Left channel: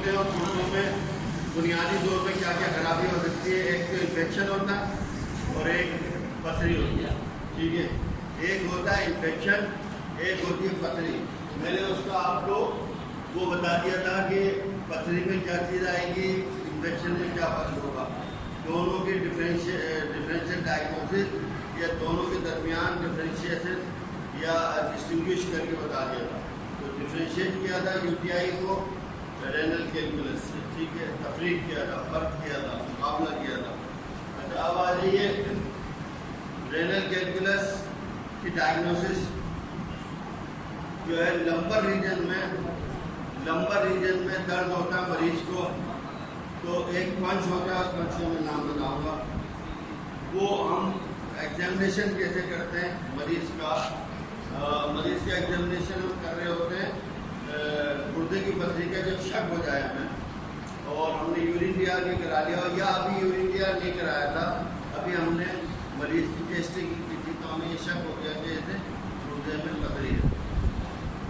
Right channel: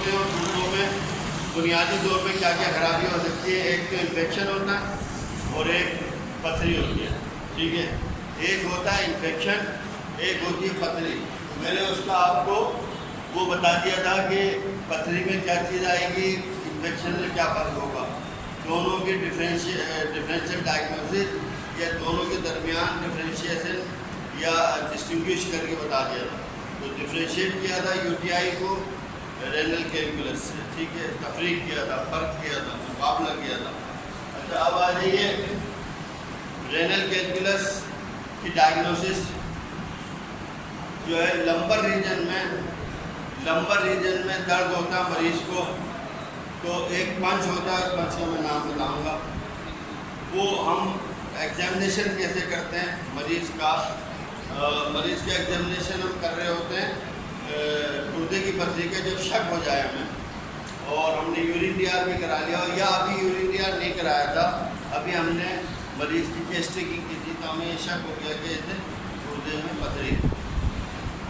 होते हैं और गुर्दों में बुनियादी तौर पे क्या क्या खराबी हो सकती है। एक तो इन्फेक्शन होता है और एक पथरी होती है। ठीक है, एक होता है इन्फेक्शन, एक होती है पथरी। मैंने उसका आपको वो बता दिया था कि पथरी में क्या चीज़ आएगी, इन्फेक्शन में क्या फ़र्क होगा, दोनों के डिफरेंशियल डायग्नोसिस या दोनों के दरमियान डिफरेंशिएशन या डिस्टिंग्विश करके बता दिया था। तो डिफरेंशिएट किया था यूटीआई को रेनल कैलकुलस से। ठीक है, तफरीक किया था, फ़र्क किया था, मुकाबला किया था। अच्छा, अब आ जाइए रेनल कैलकुलस की डायग्नोसिस जो है लंबर रीजन में दर्द होता है मरीज़ को, तो एक पंच होता है, उस पंच का मैं नाम बताऊँगा। वो हम एग्जामिनेशन कैसे करते हैं मरीज़ का एग्जामिनेशन हम कर रहे होते हैं गुर्दे की पथरी का जब शक हो जाए हमें, और हमने यूरिन डीआर भी करा लिया हो या अभी यूरिन डीआर नहीं कराया था, अभी हमने मरीज़ की चेस्ट टेकिंग की थी, तो हमें ये शक हो गया कि इसे गुर्दे में पथरी है।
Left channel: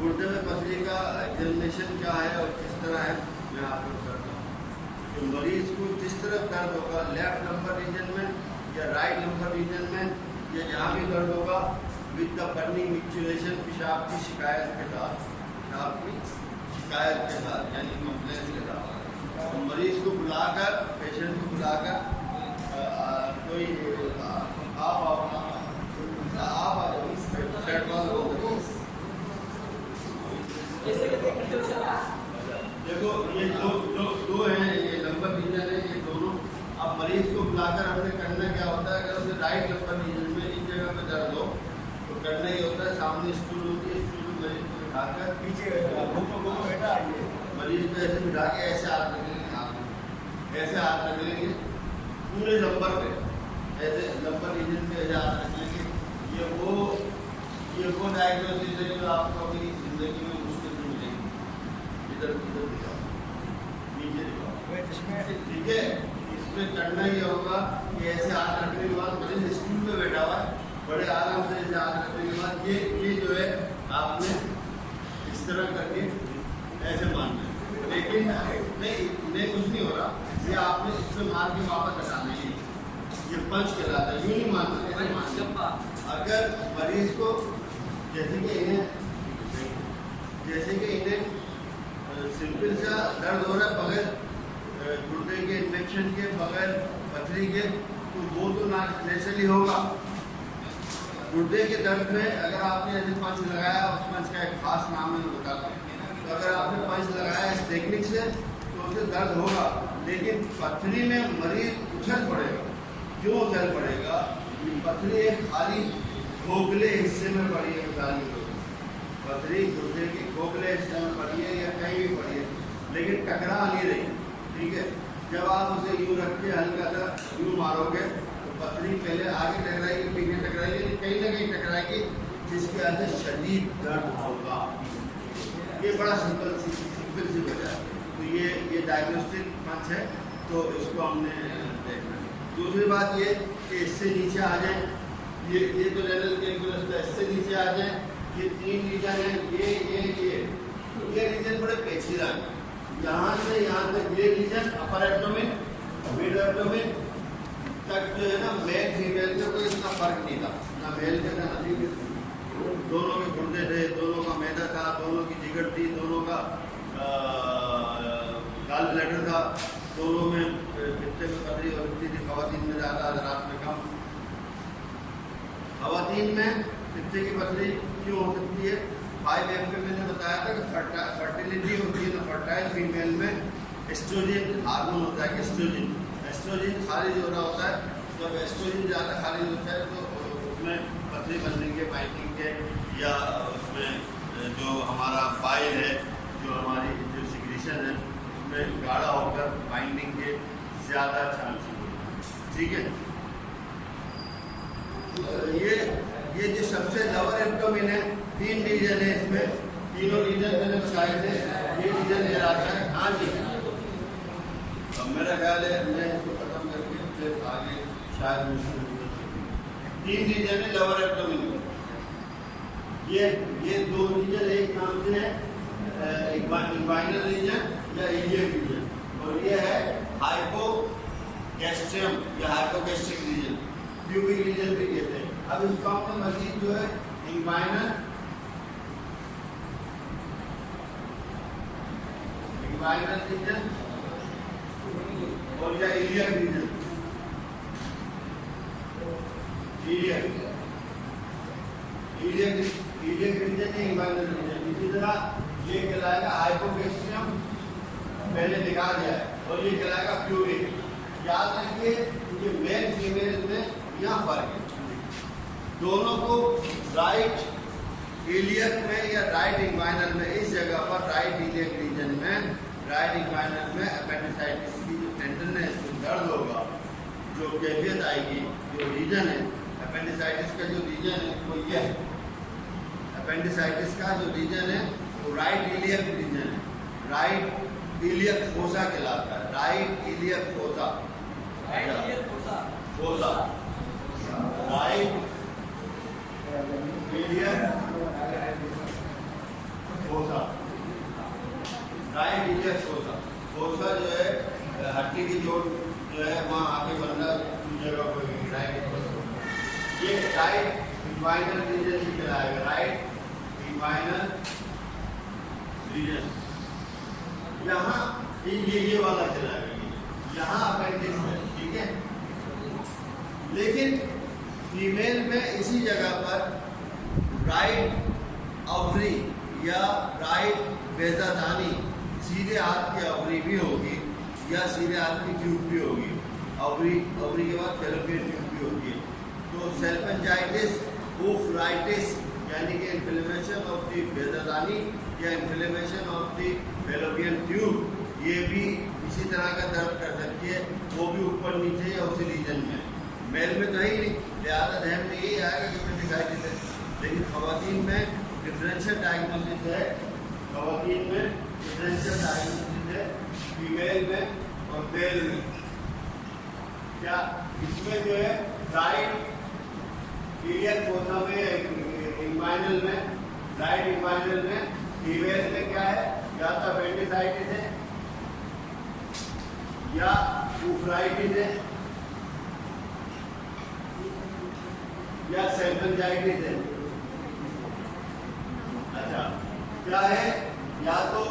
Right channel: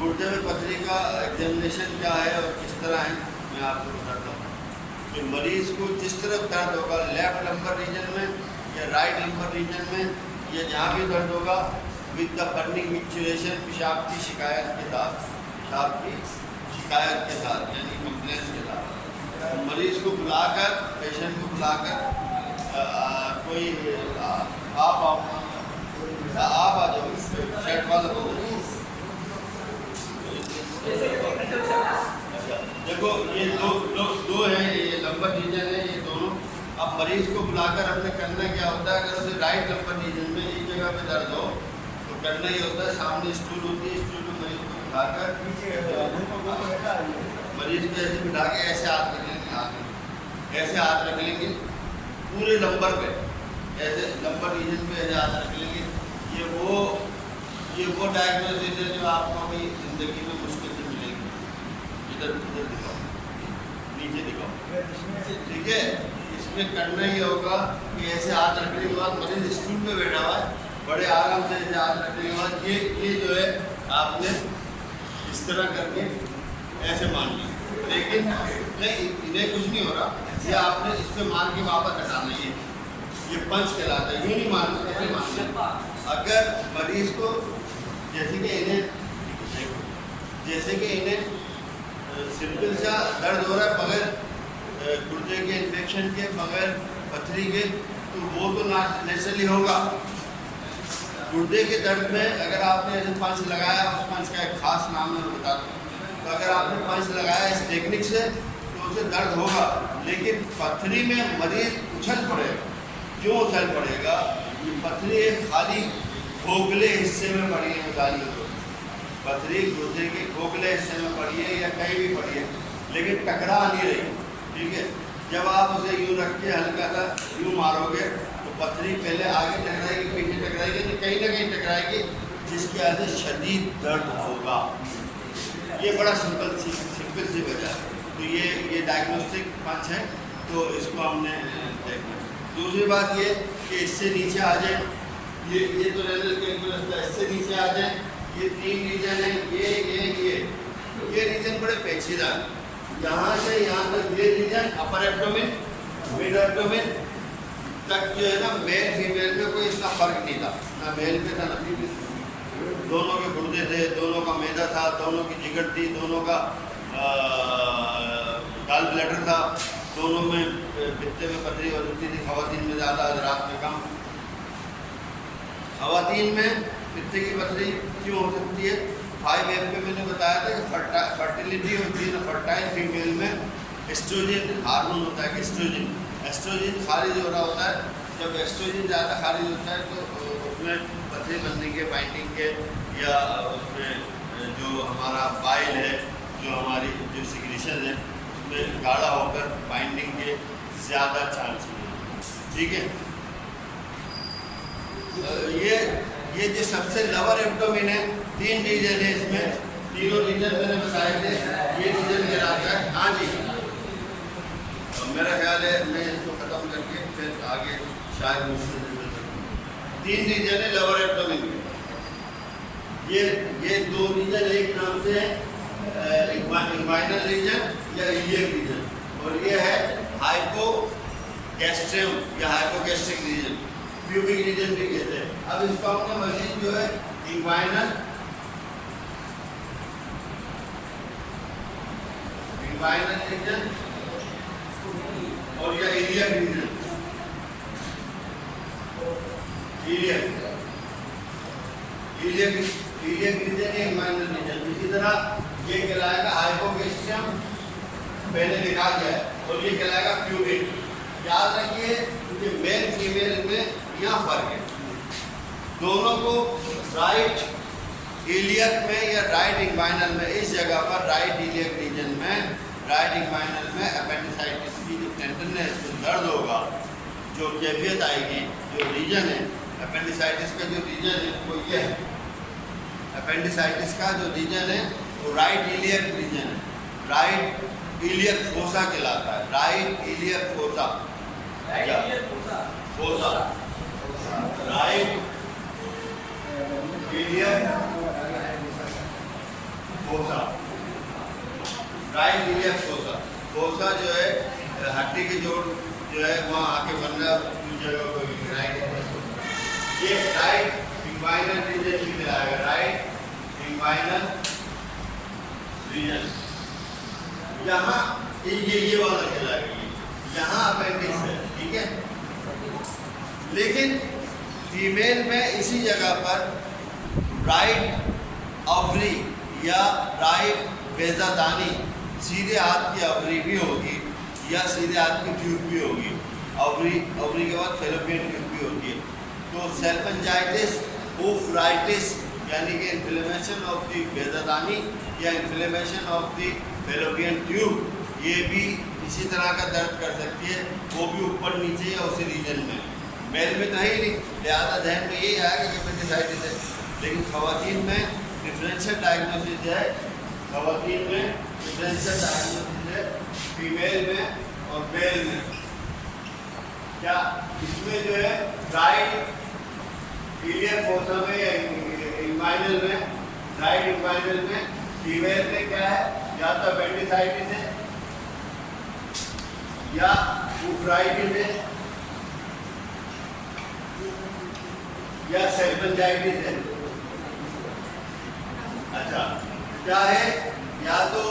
गुर्दे में पथरी का एग्जामिनेशन क्या है और किस तरह है मैं आपको बताता हूँ। तो मरीज़ को जिस तरफ दर्द होगा, लेफ़्ट लंबर रीजन में या राइट लंबर रीजन में या जहाँ भी दर्द होगा, विद द बर्निंग मिक्सचुरेशन, पेशाब की शिकायत के साथ यानी कंप्लेंट्स के साथ, तो मरीज़ को बुलाकर, पेशेंट को बुलाकर कोई आप आ जाओ, शर्ट वाला बोल दो। देखो ये दो हैं, ये लंबर रीजन है, ये दोनों। अब मरीज़ को बुलाकर हमने करना क्या होता है, अगर उसे राइट लंबर रीजन में एक जगह पे दर्द हो तो करना ये होता है, सामने स्टूल होती है, स्टूल में मरीज़ को बिठाकर मरीज़ को ऐसे बिठा के ऐसे हाथ रख लेंगे, ऐसे हाथ रख लेंगे पूरे लंबर पे, ऐसे लंबर रीजन पे ऐसे हाथ रख लेंगे। ये वो डायग्नोसिस है जो आपको अभी ज़िंदगी में मुश्किल से मिलेगी। इधर दिखाओ, नीचे दिखाओ। ठीक है, इसमें करना ये होगा कि ऐसे हाथ रखने के बाद मरीज़ स्टूल पे बैठा हुआ है, बड़े आराम से ऐसे हाथ रखने के बाद ये जो है आपने इस तरह करके ऐसे मान लिया, लेकिन नहीं, इन्हें कुछ नहीं हो रहा, ये आपने इस पर मार के वापस हटाना। ये पंच कहलाता है, यूँ नहीं मारना, ऐसे मारना। अगर मरीज़ को जैसे कि इन्हें सिंपल सा दर्द हो रहा है बगैर गुर्दे के इन्फेक्शन के, बगैर पथरी के, तो वो तो नेचुरली होगा। गुर्दे के दर्द में अगर आपने ऐसे पंच लगाया, उस पंच का एक खास नाम है, मैं बताता हूँ। तो अगर आपने पंच लगाया इस टेक्निक से तो उसे दर्द होगा, लेकिन पथरी में मरीज उछल पड़ेगा। क्यों उछल पड़ेगा? ये पथरी एक खाली खोखले हिस्से में पड़ी है, मिसाल के पथरी गुर्दे के खोखले हिस्से में पड़ी है या कहीं भी पड़ी है, लेकिन टकरा नहीं रही। ठीक है, जब आप उसे यूँ रख के हल्का सा यूँ मारोगे तो पथरी पहले आगे टकराएगी, पीछे टकराएगी, कहीं ना कहीं टकराएगी, जिसकी वजह से शदीद दर्द होगा। ये बड़ा सिंपल सी वजह है। तो ये डायग्नोस्टिक पंच है, तो इसको हमने देखना है। दूसरी बात ये कि इससे नीचे आ जाए, ये तो रेनल कैलकुलस था, इससे नीचे आ जाए, ये 3 रीजन है, ये रीजन बड़े पेचीदा है। यहाँ से यहाँ तक ये region upper abdomen, mid abdomen तक जो है ना, मेल फीमेल में कोई इतना फर्क नहीं था, ना मेल पे था ना फीमेल। दोनों के गुर्दे थे, दोनों का मैदा था, दोनों की जिगर थी, दोनों का गॉल ब्लैडर था, दोनों में पित्ते में पथरी हो सकती थी। ख़वातीन में ज़्यादा, रात में कम। ख़वातीन में पित्ते की पथरी क्यों हो सकती है? 5F पे मैंने बताया था कि फर्टिलिटी होती है ना, फर्टाइल फीमेल में एस्ट्रोजन हार्मोन होता है कि एस्ट्रोजन खारिज हो रहा होता है। जब एस्ट्रोजन ज़्यादा खारिज होता है तो उसमें पथरी बनने के, बाइंडिंग के, या उसमें जो हमारा बाइल है, जो हमारी जो सिक्रीशन है, उसमें गाढ़ा होकर बाइंडिंग के ज़्यादा चांस है। ठीक है, ये जो सबसे लोअर एब्डोमेन है, 3 रीजन है इसमें, तीनों रीजन मैंने बताए थे। ये रीजन कहलाता है, हाँ जी, मेरा ख्याल है मैं इसको ख़त्म करके फिर आगे शायद मुझसे 3 रीजन है लोअर एब्डोमेन के। ये 2 रीजन एक नाम से है, इंग्वाइनल रीजन या इलियक रीजन, और ये है हाइपोगैस्ट्रियम या हाइपोगैस्ट्रिक रीजन, प्यूबिक रीजन भी कहते हैं। अब इसको हमने मजीद जो है इंग्वाइनल रीजन और या इलियक रीजन, इलियक रीजन या इंग्वाइनल रीजन। इसी तरह ये कहलाएगा हाइपोगैस्ट्रियम, पहले दिखा गया है, और ये कहलाएगा प्यूबिक। याद रखिए कि मेल फीमेल में यहाँ फर्क है, दोनों को राइट इलियक में या राइट इंग्वाइनल में, इस जगह पर राइट इलियक रीजन में, राइट इंग्वाइनल में अपेंडिसाइटिस की जो टेंडरनेस, दर्द होगा, जो कैफियत आएगी, जो रीजन है अपेंडिसाइटिस का, जो रीजन है वो ये है। अपेंडिसाइटिस का जो रीजन है वो राइट इलियक रीजन है, राइट इलियक फोसा कहलाता है, right iliac fossa, fossa, right iliac fossa, right iliac fossa. Fossa जो है हड्डी की जोड़ जो है वहाँ आके बनना जगह को राइट, ये राइट इंग्वाइनल रीजन भी कहलाएगा, राइट इंग्वाइनल रीजन। यहाँ ये वाला कहलाएगा, यहाँ अपेंडिक्स है, ठीक है। लेकिन फीमेल में इसी जगह पर राइट ओवरी या राइट बेजादानी, सीधे हाथ की ओवरी भी होगी या सीधे हाथ की ट्यूब भी होगी, ओवरी के बाद फेलोपियन ट्यूब भी होती है। तो सेल्फेंजाइटिस, ऊफराइटिस यानी कि इन्फ्लेमेशन ऑफ द बेजादानी या inflammation of the fallopian tube, ये भी इसी तरह का दर्द कर सकती है, वो भी ऊपर नीचे या उसी रीजन में। मेल में तो है ही नहीं, लिहाजा जहन में यही आएगा कि अपेंडिसाइटिस है। लेकिन खवातीन में डिफरेंशियल डायग्नोसिस है, खवातीन में डिफरेंशियल डायग्नोसिस है, फीमेल में और मेल में। क्या इसमें जो है राइट इलियक फोसा में या इंग्वाइनल में, राइट इंग्वाइनल में फीमेल में क्या है, या तो अपेंडिसाइटिस है या ऊफराइटिस है या सेल्फेंजाइटिस है। अच्छा, क्या है, या तो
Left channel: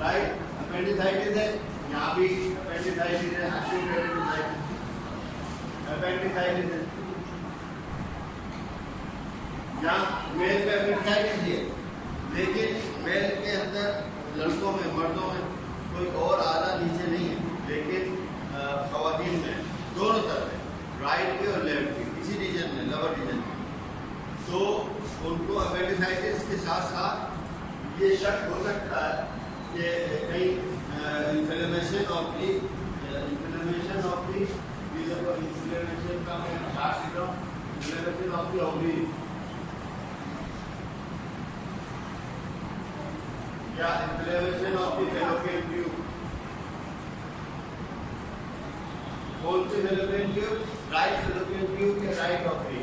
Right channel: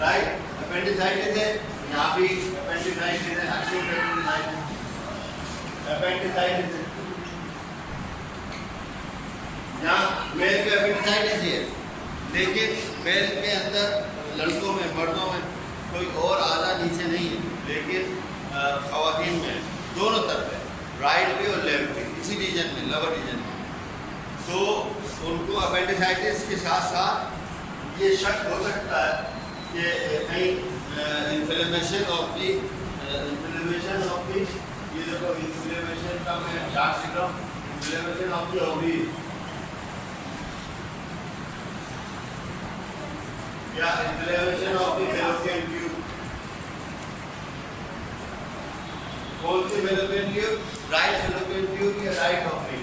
राइट अपेंडिसाइटिस है, यहाँ भी अपेंडिसाइटिस है, एक्यूट अपेंडिसाइटिस है, यहाँ मेल पे अपेंडिसाइटिस है। लेकिन मेल के अंदर लड़कों में, मर्दों में कोई और आधा नीचे नहीं है, लेकिन खवातीन में दोनों तरफ है, राइट भी और लेफ्ट भी, इसी रीजन में, लोअर रीजन में। तो उनको अपेंडिसाइटिस के साथ साथ ये शक हो सकता है कि कहीं इन्फ्लेमेशन ऑफ दी, ये देखो इन्फ्लेमेशन का मैं चार्ट लिख रहा हूँ, इन्फ्लेमेशन ऑफ दी ओवरी या inflammation of the fallopian tube. कौन सी fallopian tube, right fallopian tube या राइट ओवरी?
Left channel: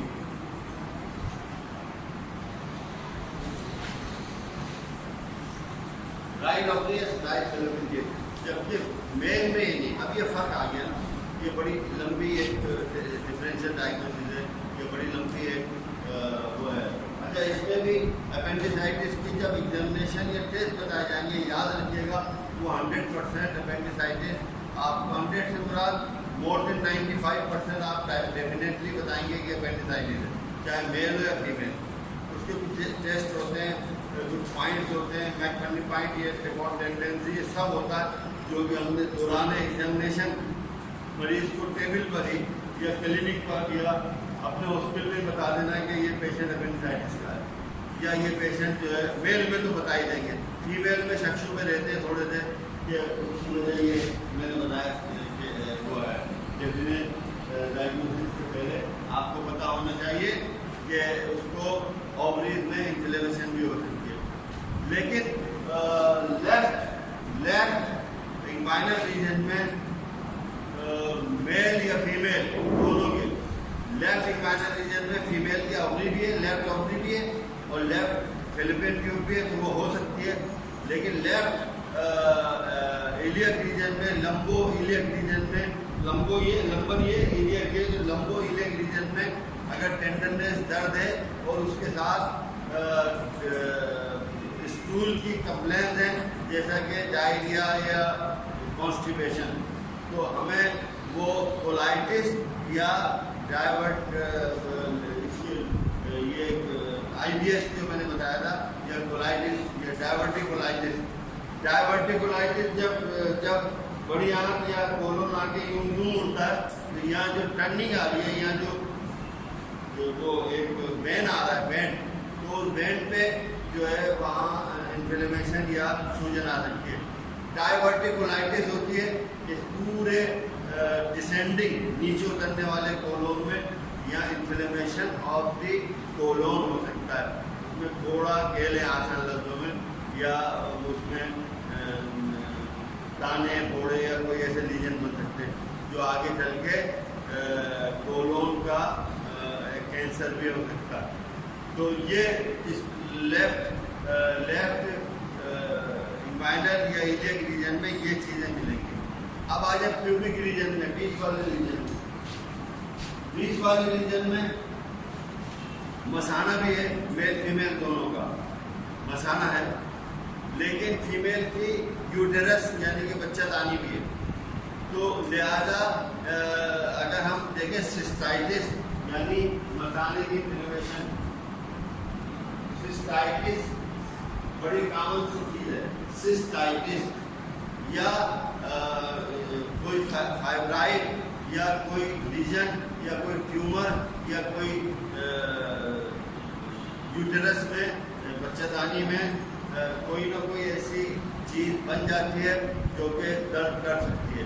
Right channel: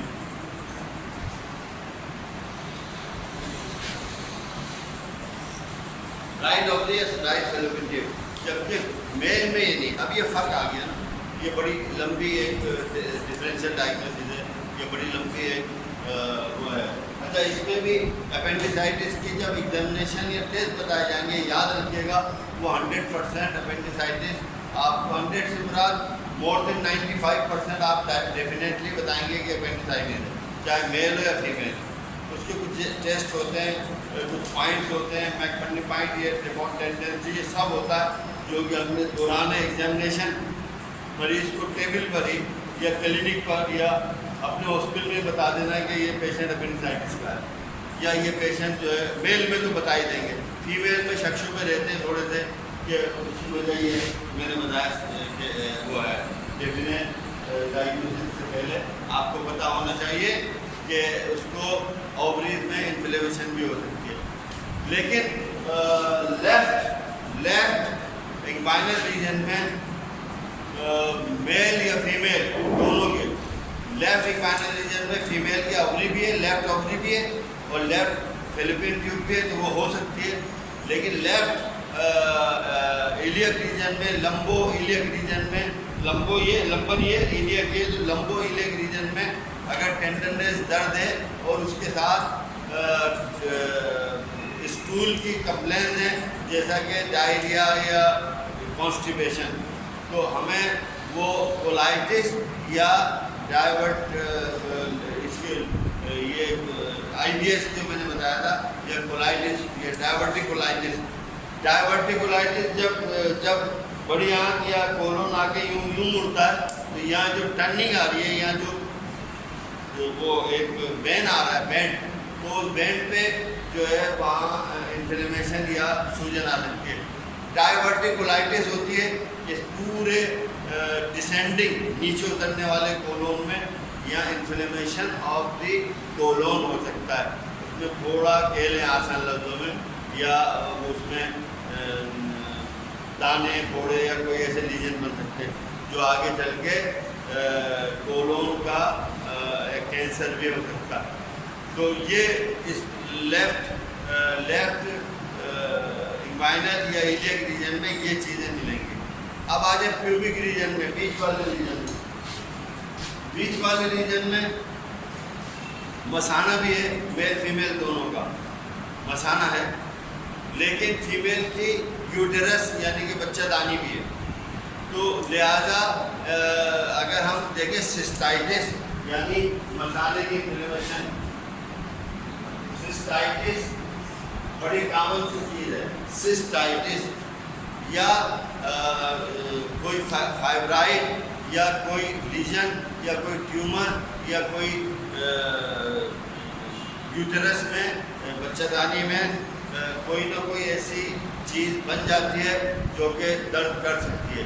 राइट ओवरी या राइट फेलोपियन ट्यूब। जबकि मेल में ये नहीं। अब ये फर्क आ गया ना, ये बड़ी लंबी एक डिफरेंशियल डायग्नोसिस है, ये बड़ी लंबी एक वो है। अच्छा, इसमें भी अपेंडिसाइटिस की जब एग्जामिनेशन या टेस्ट बताए जाएंगे, याद रखिएगा वो 100% अपेंडिसाइटिस, आपको 100 से मुराद मोर देन 95% आप डेफिनेटली बताएंगे कि अपेंडिसाइटिस है, चाहे मेल हो या फीमेल। उसके कुछ टेस्ट होते हैं, कुछ पॉइंट्स होते हैं, मैकफर्नी पॉइंट, ये ट्रिपॉन टेंडेंसी, ये सब होता है जो कि हमने दौरान एग्जामिनेशन मरीज़ को टेबल पर ही या क्लिनिक पर या अपने हॉस्पिटल में बता देना है कि ये पेशेंट अपेंडिसाइटिस का है, या ये पेशेंट जो है, मेल में तो बता ही देंगे, फीमेल में शक शुबे रहते हैं थोड़े से कि उसकी वजह ये मैंने बताया कि वो है डेफिनेट डायग्नोसिस से पहले आपको पता होना चाहिए कि उसको ओवरीज में इन्फ्लेमेशन भी हो सकती है। लेकिन लेफ्ट इंग्वाइनल रीजन में मेल या फीमेल दोनों के, लेफ्ट इंग्वाइनल रीजन में फीमेल की ओवरी भी है, लेफ्ट ओवरी भी है और लेफ्ट फेलोपियन ट्यूब भी है, तो वो हो सकती है लेकिन लेफ्ट इलियक रीजन में, लंबो इलियक रीजन में, लंबर ये इलियक ये, तो लंबो इलियक रीजन में अगर टेंडरनेस, दर्द है और उसके साथ स्टूल की कंप्लेंट है जैसा कि डायरिया या कॉन्स्टिपेशन, तो हमें वो कोलाइटिस या डाइवर्ट इसके ये IBS जो मैंने बताया था, या कोलाइटिस या डाइवर्टिकुलाइटिस। डाइवर्टिकुलाइटिस जब बड़ी आंत या कोलोन आके यूं मुड़ता है, तो यहाँ जो टर्निंग आ रही है, यहाँ जो वो एक वेन आ रहा है, बैंड, तो उस बैंड पे जो है वहाँ इन्फ्लेमेशन या सूजन आ सकती है। डाइवर्टिकुलाइटिस होती है इस पूरे डिसेंडिंग, नीचे उतरने वाले कोलोन में, यहाँ इन्फ्लेमेशन ऑफ द कोलोन हो सकता है। उसमें थोड़ा कह लें आसान लफ्ज़ों में, या उसमें दाने, फोड़े या कोई ऐसे लीजन बन सकते हैं जो आगे चल के कोलोन का कैंसर भी हो सकता है। तो ये इस लेफ्ट इंग्वाइनल या इलियक रीजन में ये चीज़ें मिलेंगी। अब आ जाए प्यूबिक रीजन में, बीच वाले रीजन में। बीच वाले रीजन में मसाना भी है, मेल फीमेल दोनों का मसाना है, लेकिन फीमेल की यूटेरस यानी कि बच्चादानी भी है। तो लिहाजा अगर हम देखें सिस्टाइटिस यानी मसाने की इन्फ्लेमेशन, सिस्टाइटिस बड़ी कॉमन सी चीज़ है। सिस्टाइटिस या कोई फाइब्राइड या कोई लीजन या कोई ट्यूमर या कोई यूटेरस में, बच्चादानी में कोई ना कोई ऐसी चीज़ बन जाती है जो कि दर्द कर सकती है।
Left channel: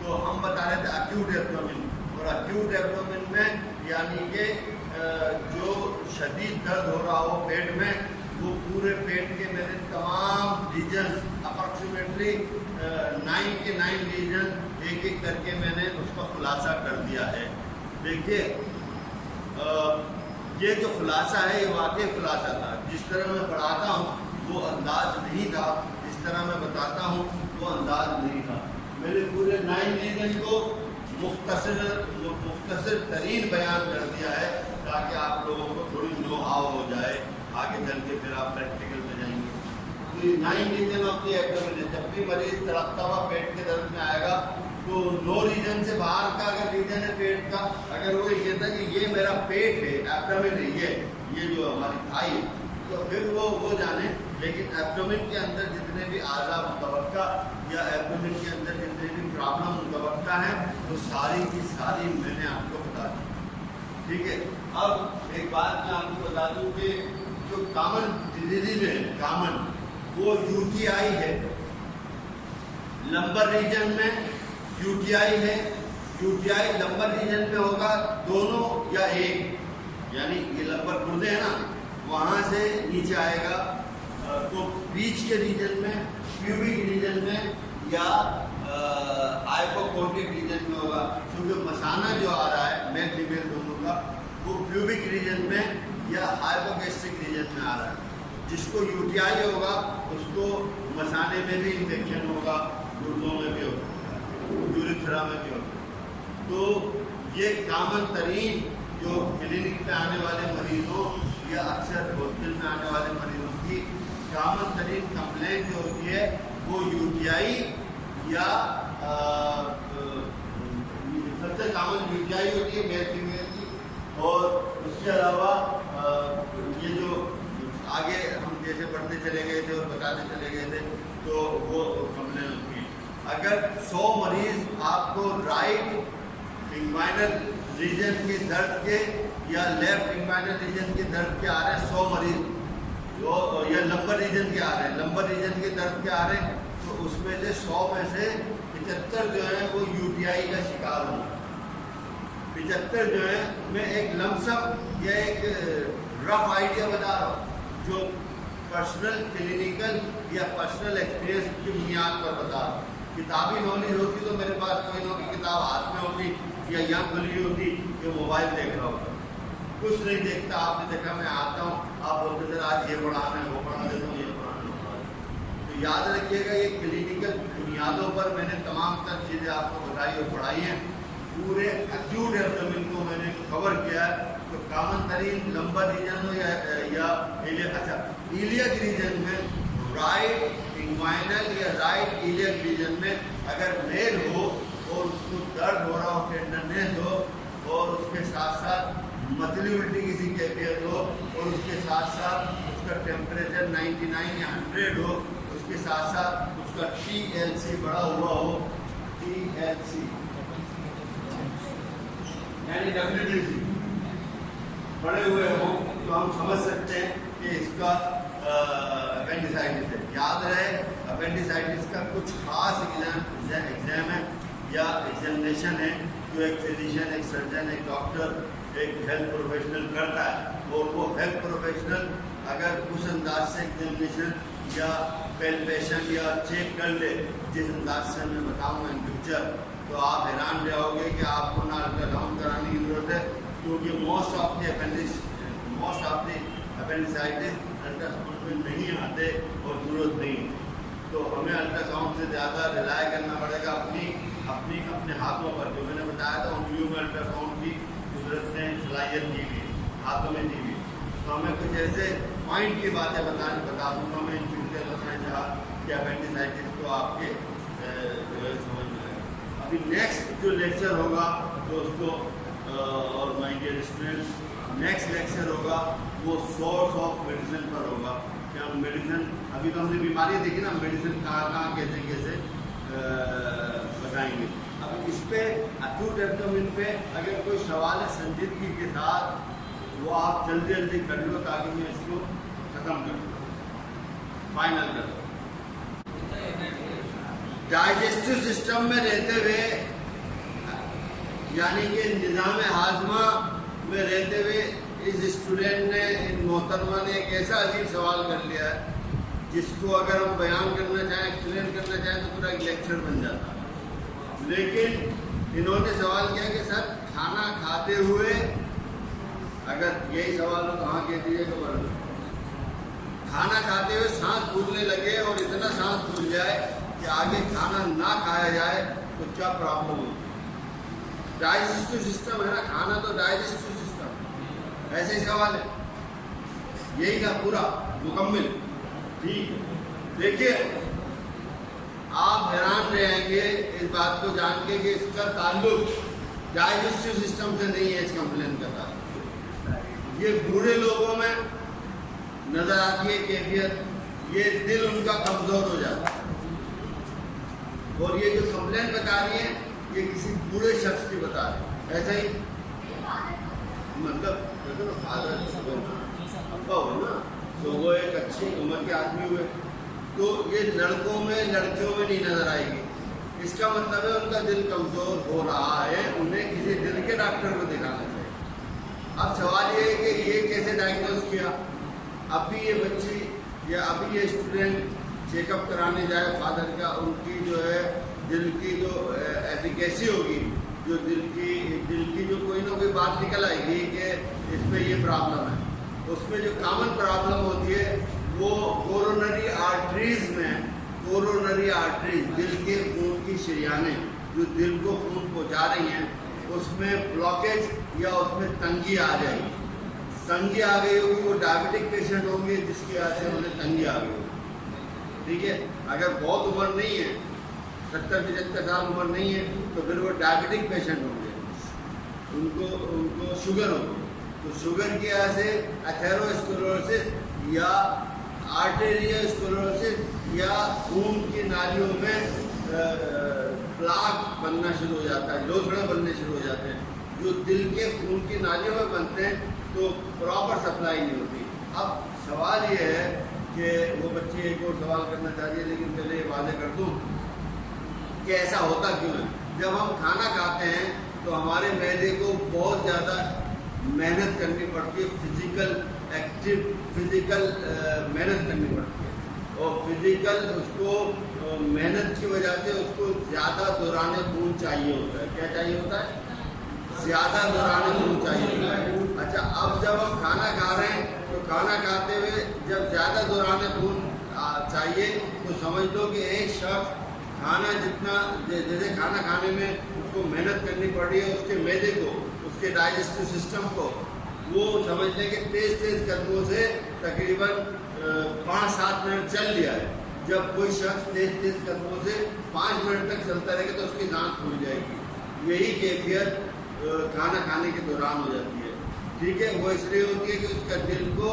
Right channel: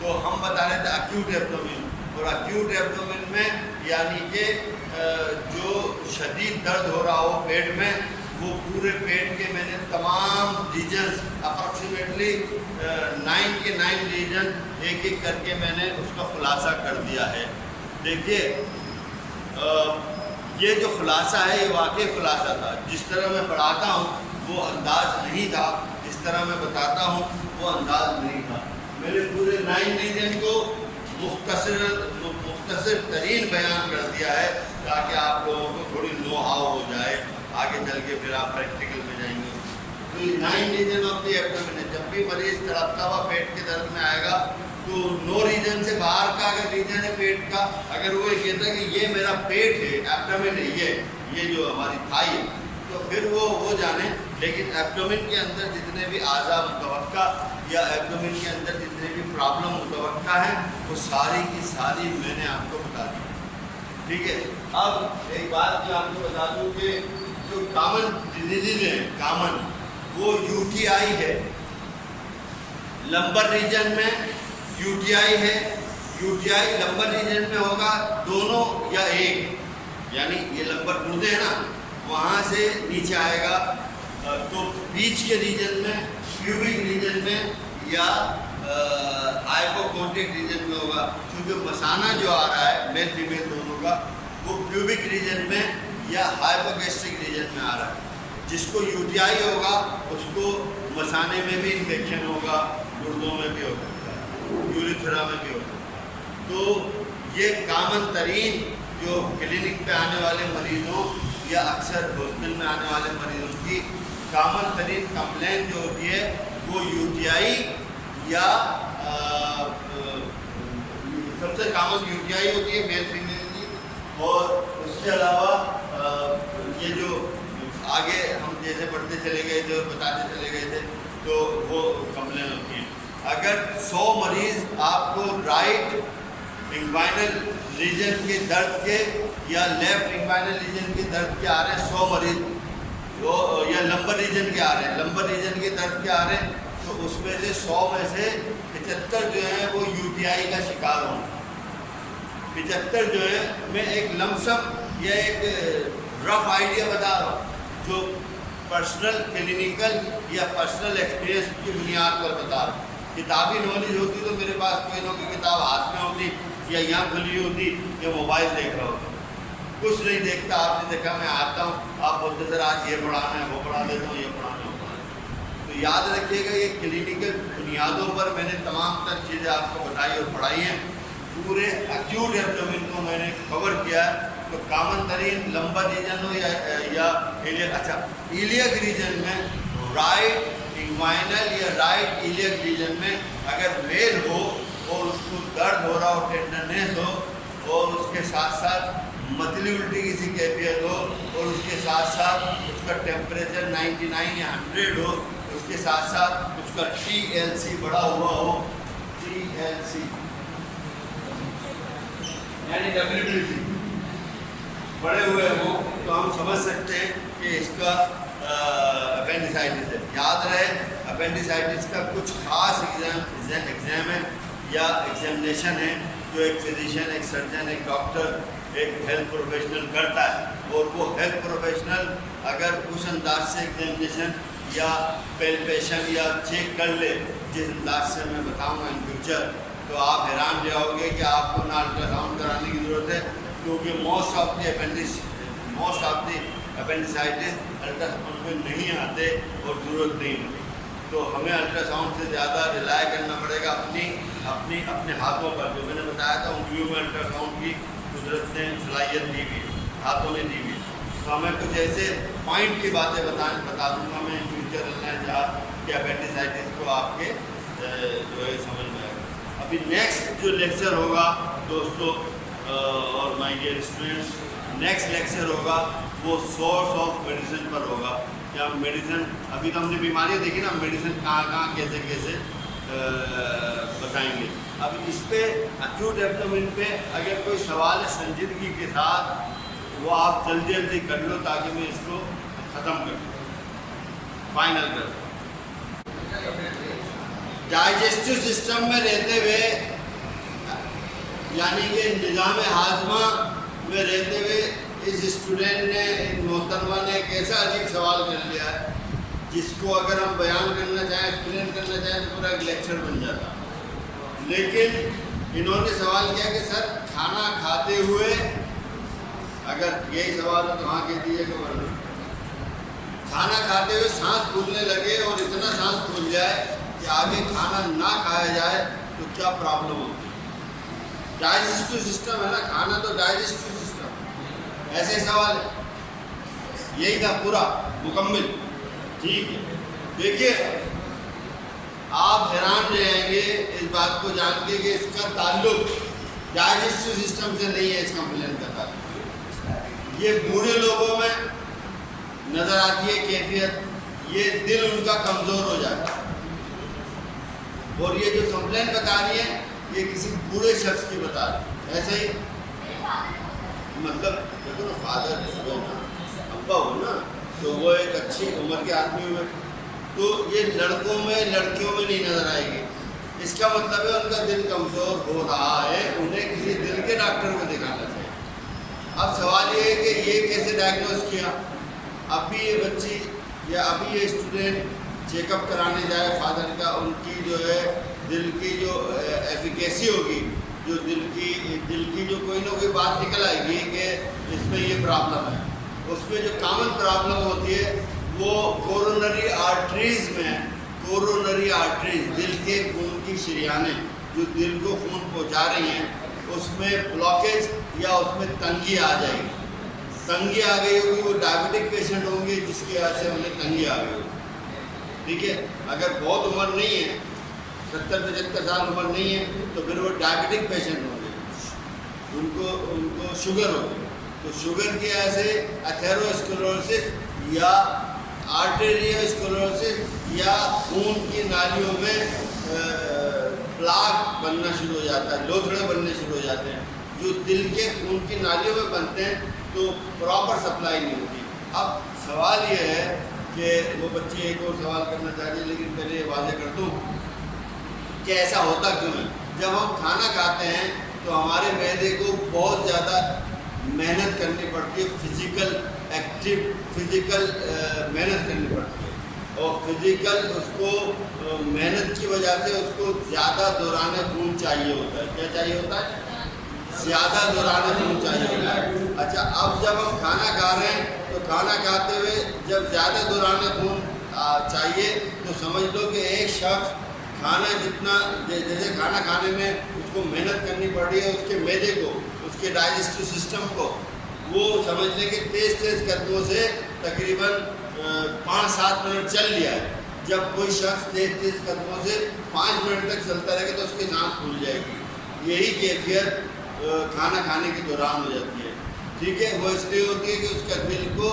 तो हम बता रहे थे अक्यूट एब्डोमेन, और अक्यूट एब्डोमेन में यानी कि जो शदीद दर्द हो रहा हो पेट में, वो पूरे पेट के मैंने तमाम रीजन्स अप्रॉक्सीमेटली 9 के 9 रीजन एक एक करके मैंने उसका खुलासा कर दिया है। देखिए ये जो खुलासा है ये वाकई खुलासा था। जिस तरह मैं पढ़ाता हूँ वो अंदाज नहीं था, जिस तरह मैं बताता हूँ वो अंदाज नहीं था। मैंने पूरे 9 रीजन को मुख्तसर तरीन बयान कर दिया है ताकि आप लोगों को थोड़ी नो हाउ हो जाए, आगे चल के फिर आप प्रैक्टिकल में जाएंगे। तो ये 9 रीजन ऑफ द एब्डोमेन है। जब भी मरीज तड़पता हुआ पेट के दर्द में आएगा तो 9 रीजन से बाहर का अगर रीजन है पेट का, अगर वो ये कहता है कि ये मेरा पेट है, एब्डोमेन है, ये जो हमारी थाई है, तो फिर वो जाने। लेकिन एब्डोमेन के अंदर जितने भी आज़ा मुतवक्का या एब्डोमेन के अंदर जितने भी प्रॉब्लम मुतवक्का हैं वो सारी की सारी मैंने आपको बता दी। ठीक है। अब एक बात मैं आपको बता दूं कि जो कॉमन डिजीज है, कॉमन, वो UTI है। लंबर रीजन में UTI है। UTI लंबर रीजन में होगा दोनों या एक, यानी ये लंबर गुर्दे हैं ना, वहाँ से नीचे आएगा। तो बीच के रीजन में, प्यूबिक रीजन में या हाइपोकोटिक रीजन में होगा। क्योंकि मसाना जो आ रहा है मेल फीमेल दोनों का, वो प्यूबिक रीजन में या हाइपोगैस्ट्रिक रीजन में आ रहा है। जिसको UTI होगा उसको मसाने में भी इन्फेक्शन होगा, गुर्दों में भी हो सकता है, यूरिथ्रा में भी हो सकता है। तो ये कॉमन तरीन जो क्लिनिक पे आने वाले मरीज़ों या अक्सर हॉस्पिटल में आने वाले मरीज़ों की कॉमन तरीन कंप्लेंट जो होती है वो UTI या सबसे कॉमन UTI होती है मेल फीमेल की। और उसके अलावा ये जो आगे हम जैसे पढ़ते चले गए थे और बताते चले गए थे तो वो कंप्लेन होती है। अगर 100 मरीज़ आपको राइट इंग्वाइनल रीजन के दर्द के या लेफ्ट इंग्वाइनल रीजन के दर्द के आ रहे हैं, 100 मरीज़ जो या लंबर रीजन के आ रहे हैं, लंबर रीजन के दर्द के आ रहे हैं, तो उसमें से 100 में से 75 जो हैं वो UTI का शिकार होंगे। 75 जो है मैं एक लमसम या एक रफ आइडिया बता रहा हूँ जो पर्सनल क्लिनिकल या पर्सनल एक्सपीरियंस की बुनियाद पर बता रहा हूँ। किताबी नॉलेज होती तो मेरे पास कोई ना कोई किताब हाथ में होती या यहाँ खुली होती या मोबाइल देख रहा होता। कुछ नहीं देखता। आपने देखा मैं आता हूँ, आप बोलते सर आज ये पढ़ाना है, वो पढ़ा देता हूँ, ये पढ़ाना है, वो पढ़ा देता हूँ। तो याद रखिएगा, ये क्लिनिकल बुनियादों पर मैंने तमाम तर चीज़ें आपको बताई और पढ़ाई हैं। पूरे एक्यूट एब्डोमेन को मैंने कवर किया है। तो कॉमन तरीन लंबा रीजन हो या इलियक, अच्छा इलियक रीजन में राइट इंग्वाइनल या राइट इलियक रीजन में अगर मेल हो और उसको दर्द हो रहा हो, टेंडरनेस हो और उसके साथ साथ मतली उल्टी किसी कैफियत हो और उसके साथ साथ उसका टेम्परेचर 99 या 100 हो, उसके साथ साथ उसका TLC बढ़ा हुआ हो, TLC यानी WBC बढ़े हुए हो, तो हम समझ सकते हैं कि इसका अपेंडिसाइटिस है। याद रहे अपेंडिसाइटिस का कुछ खास एग्ज़ाम है या एग्जामिनेशन है जो एक फिजिशियन, एक सर्जन, एक डॉक्टर, एक हेल्थ प्रोफेशनल करता है। और वो हेल्थ प्रोफेशनल अगर उस अंदाज से एग्जामिनेशन या पेल्पेशन या चेक कर ले जिस अंदाज से मैं बताऊंगा इन फ्यूचर, तो आप हैरान जाओगे कि आपको ना अल्ट्रासाउंड कराने की ज़रूरत है, क्योंकि most of the appendicitis ultrasound में नहीं आते और ज़रूरत नहीं होती। तो हमें अल्ट्रासाउंड से ज़्यादा रिलाय करना पड़ेगा अपने हाथों पर। जो मैंने बताया था उंगलियों में अल्ट्रासाउंड की कुदरत ने सलाहियत दी हुई है, हाथों में दी हुई है। तो हमें कुछ ऐसे पॉइंट की बातें बता दूँगा मैं इन फ्यूचर रहना जहाँ कि अपेंडिसाइटिस को आपके जो है समझ में आएगा। अभी नेक्स्ट जो लेक्चर होगा दोस्तों और my dear students, next lecture होगा वो सोर्स ऑफ मेडिसिन पर होगा। क्या मेडिसिन, अभी तो हमने बीमारियाँ देखी ना, मेडिसिन कहाँ कैसे कैसे बताएंगे। अब इस पे एक्यूट एब्डोमेन पे अगर कोई सवाल है संजीदगी के साथ, वो आप जल्दी जल्दी कर लो ताकि मैं इसको ख़त्म कर दूँ, फाइनल कर दूँ। डाइजेस्टिव सिस्टम में रहते हुए यानी कि निज़ाम हाजमा में रहते हुए इस स्टूडेंट ने, इन मोहतरमा ने एक ऐसा अजीब सवाल कर लिया है जिसको अगर हम बयान करना चाहें, एक्सप्लेन करना चाहें तो पूरा एक लेक्चर बन जाता। लेकिन इन्होंने सवाल किया कि सर खाना खाते हुए, अगर यही सवाल हो तो हाँ कह दीजिएगा, वरना खाना खाते हुए सांस फूलने लगे और इतना सांस फूल जाए कि आगे खाना ना खाया जाए तो क्या प्रॉब्लम होगी। डाइजेस्टिव सिस्टम है ना, खाना तो डाइजेस्टिव सिस्टम, ऐसे सवाल है। यही था पूरा मुकम्मल, ठीक है। देखिए आप हैरान रहेंगे इस बात को जान के कि इसका ताल्लुक डाइजेस्टिव सिस्टम से नहीं है, इस कंप्लेन का ताल्लुक ये बूढ़े लोगों में नज़र आती है कैफियत, ये दिल उनका कमज़ोर हो जाता है। और ये जो कंप्लेन बता रही है ये किसी बूढ़े शख्स की बता रही है। ऐसा ही मतलब देखो ना, फादर हुए ना, अब्बा हो ना, तो वो एक अच्छी उम्र के आदमी हुए, तो ये लड़कों में लड़कियों में नहीं नज़र आएगी। इसका मतलब है उनका दिल कमज़ोर हो रहा है, उन्हें किसी दिल के डॉक्टर को दिखाना चाहिए। अब सवाल ये है कि ये कैसे डायग्नोज किया। अभी ये बच्ची या अभी ये स्टूडेंट चेकअप कराने जाए फादर का, उनकी जो है दिल की जो एफिकेसी होगी, जो दिल की जो कोई ना कोई बात निकल आएगी कि इसमें ये प्रॉब्लम है। उसमें जो कॉमन प्रॉब्लम होती है वो कोरोनरी आर्टरीज़ में, कोरोनरी आर्टरीज दिल के खून की शरियानें जो दिल को खून पहुंचा रही हैं, उसमें ब्लॉकेज या उसमें तंगी आ जाएगी। तंगी आ गई होगी, वो डायबिटिक पेशेंट होंगे जिसकी वजह से उन्हें तंगी आ गई होगी, ठीक है। अगर बहुत उम्र नहीं है, 70-75 साल उम्र नहीं है, तो फिर वो डायबिटिक पेशेंट होंगे, उनको शुगर होगी। तो शुगर की वजह से एथेरोस्क्लेरोसिस या आर्टेरियोस्क्लेरोसिस या खून की नालियों में प्लाक बनना शुरू हो जाता है, लोथड़े बनने शुरू हो जाते हैं, जो दिल के खून की नालियों में बनते हैं, तो प्रॉपर सप्लाई नहीं होती। अब सवाल ये है कि वो बच्ची एक और सवाल करना चाहिए, लेकिन पहले ये वादे कर दूँ कि ऐसा होता क्यों है। जब हम खाना खाते हैं तो हमारे मैदे को बहुत ज़्यादा मेहनत करनी पड़ती है, फिज़िकल मेहनत करनी पड़ती है, और फिज़िकल उसको मेहनत की वजह से उसको ज़्यादा दौरान खून चाहिए होता है। क्या चाहिए होता है? ज़्यादा दौरान खून चाहिए होता है। अच्छा, अब जब हम खाना खा रहे हैं तो खाना खाते हुए जब ज़्यादा दौरान खून चाहिए तो समझ लो कि एक शख्स खाना जितना जैसे खाना खाने में उसको मेहनत करनी पड़ रही है, उसके मैदे को, उसके डाइजेस्टिव सिस्टम को, वो समझ लें कि तेज़ तेज़ कदमों से तकरीबन 5-7 मिनट चल लिया है। जब कोई शख्स तेज़ तेज़ कदमों से 5 मिनट तक चलता रहेगा तो उसकी सांस फूल जाएगी। यही कैफियत खाना खाने के दौरान हो जाती है। ठीक है, वो इसलिए होती है कि उसका दिल को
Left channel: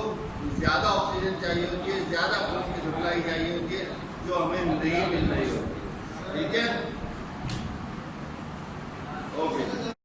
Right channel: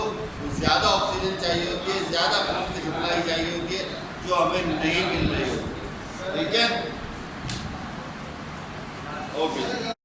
ज़्यादा ऑक्सीजन चाहिए होती है, ज़्यादा खून की सप्लाई चाहिए होती है, जो हमें नहीं मिल रही होती है। ठीक है, ओके।